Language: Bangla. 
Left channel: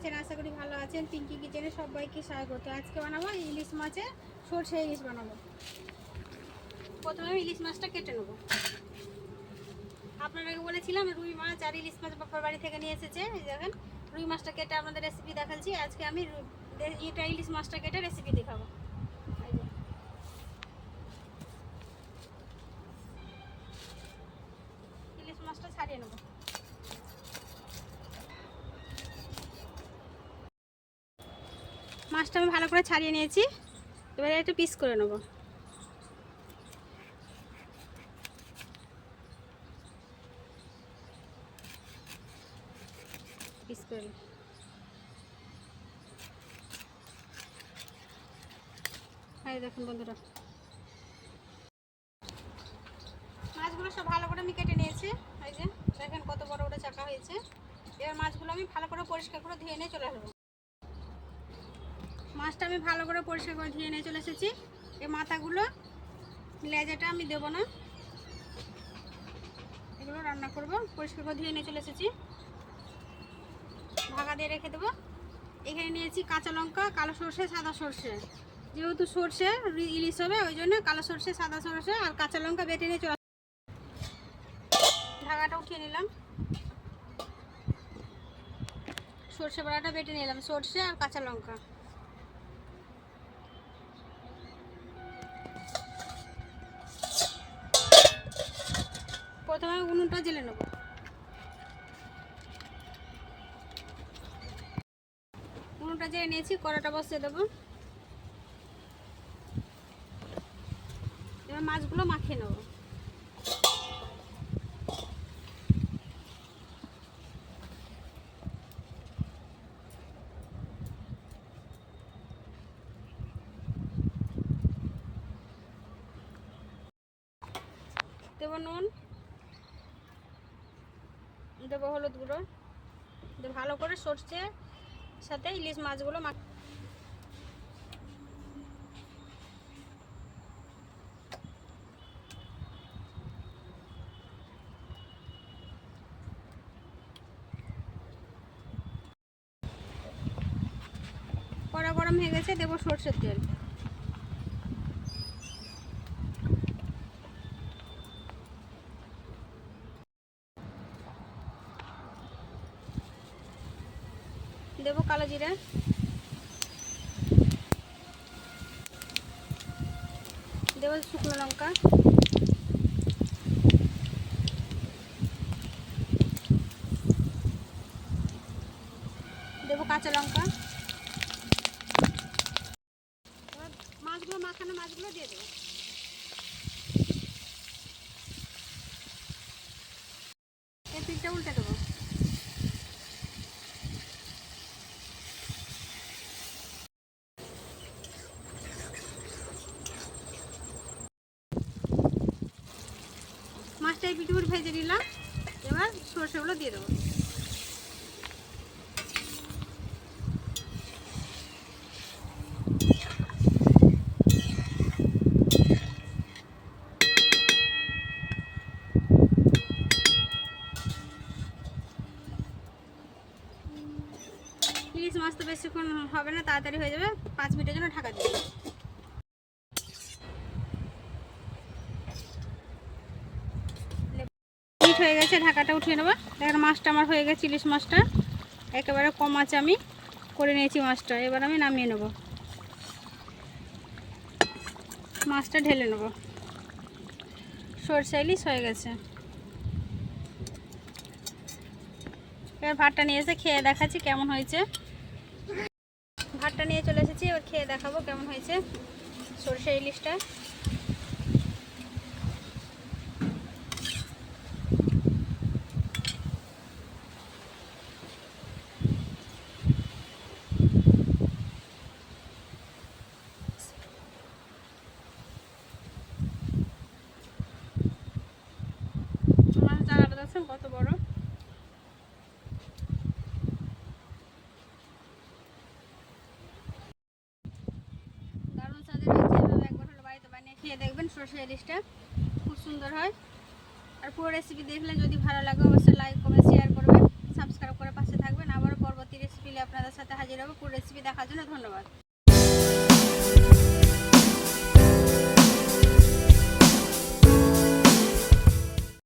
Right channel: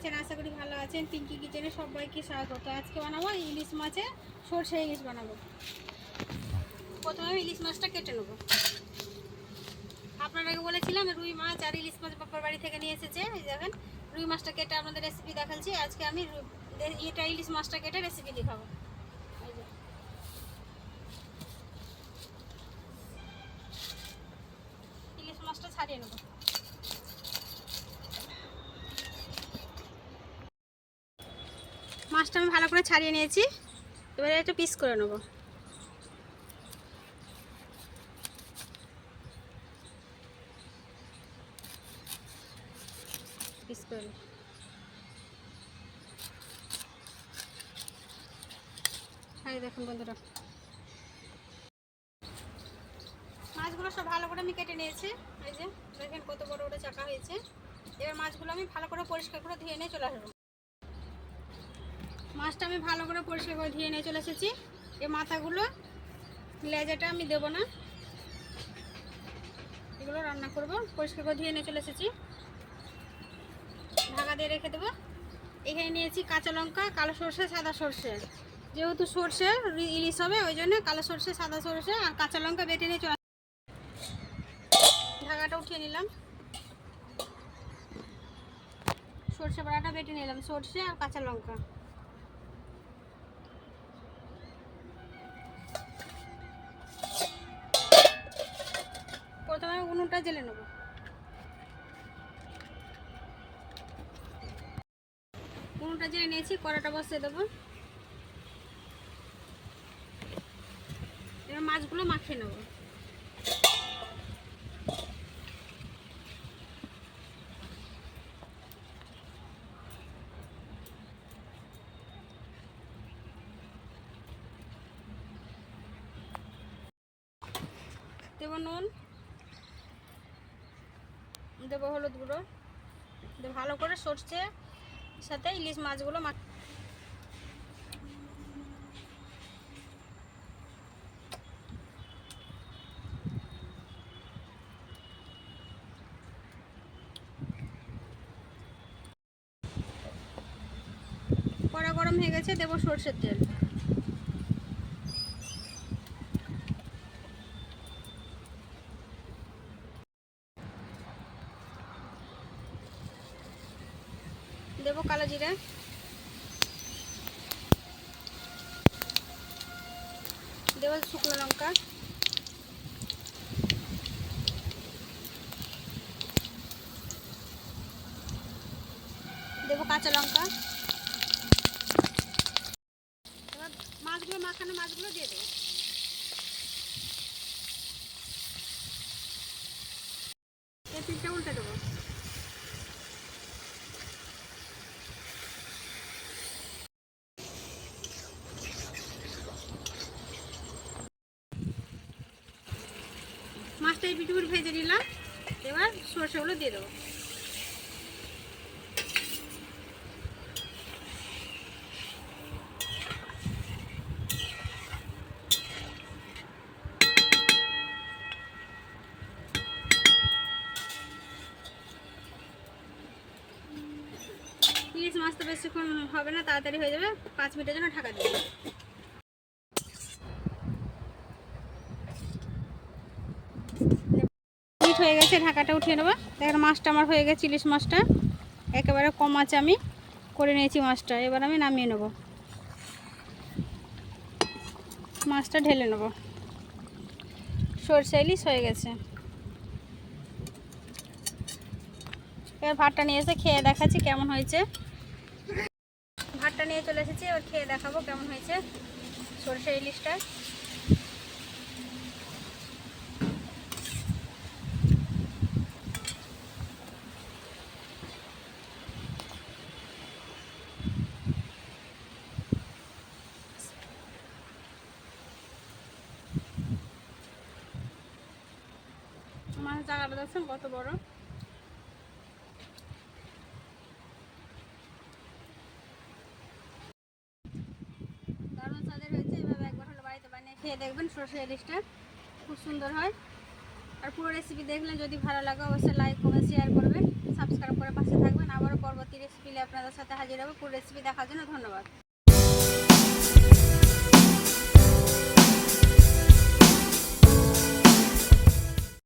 আছেন? আশা করি ভালো আছেন। পিঙ্কি কিচেনে সবাইকে স্বাগত। আজকে বানাবো ইলিশ মাছে সরষে ইলিশ বানাবো। প্রথমে আমি ইলিশ মাছটা কেটে নেবো। আপনাদেরকে বলেছিলাম রুই মাছ আর ইলিশ মাছ বাবার বাড়ি থেকে নিয়ে এসেছে। এই দেখেন রুই মাছটা কেটে আপনাদের রেসিপি দেখাচ্ছি। আজকে আমি এটা ইলিশ মাছটা কেটে রেসিপি দেখাবো। ইলিশ মাছটা ছাড়িয়ে নেবো। মাছটা আমি ভালো করে ছাড়িয়ে নিয়েছি। এবারে একটু পিস করে নেবো। পিস করে দেখুন বন্ধুরা, মাছগুলো সব ভালো করে আমি কেটে নিয়েছি। এই যে দেখেন কত বড় বড় চাকা হয়েছে। এবার মাছগুলো আমি ভালো করে পরিষ্কার করে ধুয়ে নিয়ে চলে আসবো। মাছটা আমি ভালো করে পরিষ্কার করে ধুয়ে নিয়ে চলে এসেছি। এই মাথাগুলো লেজাটা আমি দেবো না, এগুলো রান্না করব। পরিষ্কার করে ধুয়ে নিয়ে চলে এসেছি, ঢাকা দিয়ে রেখে দেবো। এখানে নিয়েছি কাঁচা লঙ্কা, কালো সরষে, সাদা সরষে। যেহেতু সরষে ইলিশ হবে ওই জন্য কালো সরষে, সাদা সরষে আর কাঁচা লঙ্কা বেটে নিয়ে চলে। ঢাকাটা উঠিয়ে নিলাম, সরষে বাটাটা বেটে নিলাম, সরষে আর কাঁচা লঙ্কা। প্রথমে উনুনটা জ্বেলে নেব। উনুনটা জ্বেলে নিয়েছি, কড়াটা বসিয়ে দেবো। এবার মাছগুলো মাখিয়ে নেব। দেবো নুন, দেবো হলুদ গুঁড়ো, ভালো করে সরষে সাথে ইলিশ মাছগুলো কড়া গরম হয়ে গেছে, দেবো সরষের তেল। দেবো কালো জিরা, দেবো শুকনো লঙ্কা, দেবো কাঁচা লঙ্কা। এবার মাছগুলো মাখানো মাছগুলো দিয়ে দেবো। এই পিঠটা উল্টে দেবো। মাছটা এই পিঠে ভেজে নিলাম। এবার সরষেগুলো দিয়ে দেবো। ইলিশ মাছ তো বেশিক্ষণ হবে না, তাড়াতাড়ি হয়ে যাবে। 5 মিনিটের জন্য ঢাকা দিয়ে দেবো। মিনিট হয়ে গেছে, ঢাকাটা উঠিয়ে নেবো। দেখেন মাছটা আমার হয়ে গেছে, ইলিশ মাছটা একেবারে কম আছে আমি করে নিয়েছি মাছটা। এবার আমি নামিয়ে নেব, মাছটা ঢেলে নেব। সরষে ইলিশ হয়ে গেছে। এবার ভাতটা নিয়ে এসে খেয়ে দেখাচ্ছি কেমন হয়েছে। ভাতটা নিয়ে চলে এসেছি, এবার খেয়ে দেখাবো কেমন হয়েছে সরষে ইলিশটা। মাছ জায়গাটা দেখছেন কত বড়। দারুণ স্বাদের হয়েছে। এভাবে একবার হলো বাড়িতে বানিয়ে খেয়ে দেখবেন, সরষে ইলিশটা খুব সুন্দর হয়। আর পুরো রেসিপি দেখলে যদি ভালো লাগে অবশ্যই লাইক কমেন্ট শেয়ার করবেন, সাবস্ক্রাইব করে পাশে থাকবেন। আবারও পরবর্তী রেসিপি আপনাদের সাথে হাজির হবো পুরো রেসিপি দেখার জন্য। ধন্যবাদ।